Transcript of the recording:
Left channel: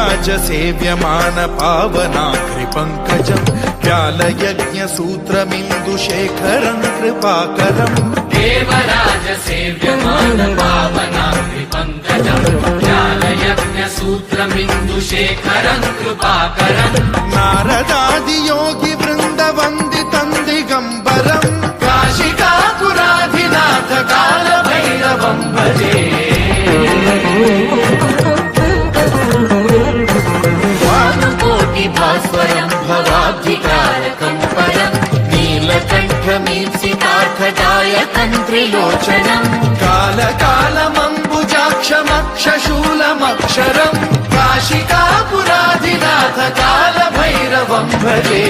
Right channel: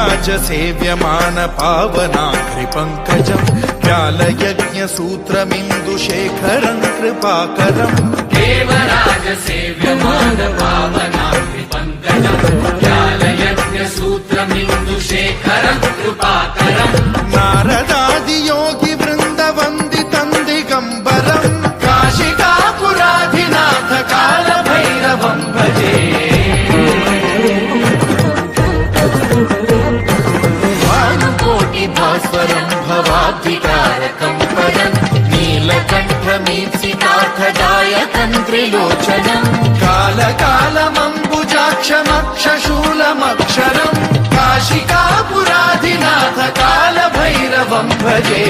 देवराजसेव्यमान पावनाघ्रिपङ्कजम् व्यालयज्ञसूत्रमिन्दुशेखरम् कृपाकरम् देवराजसेव्यमान पावनाघ्रिपङ्कजम् व्यालयज्ञसूत्रमिन्दुशेखरम् कृपाकरम् नारदादियोगिवृन्दवन्दितम् दिगम्बरम् काशिकापुराधिनाथ कालभैरवम् भजे भास्वरम् भवाब्धिकारकम् परम् नीलकण्ठमीप्सितार्थदायकम् त्रिलोचनम् कालकालमम्बुजाक्षमक्षशूलमक्षरम् काशिकापुराधिनाथ कालभैरवम् भजे।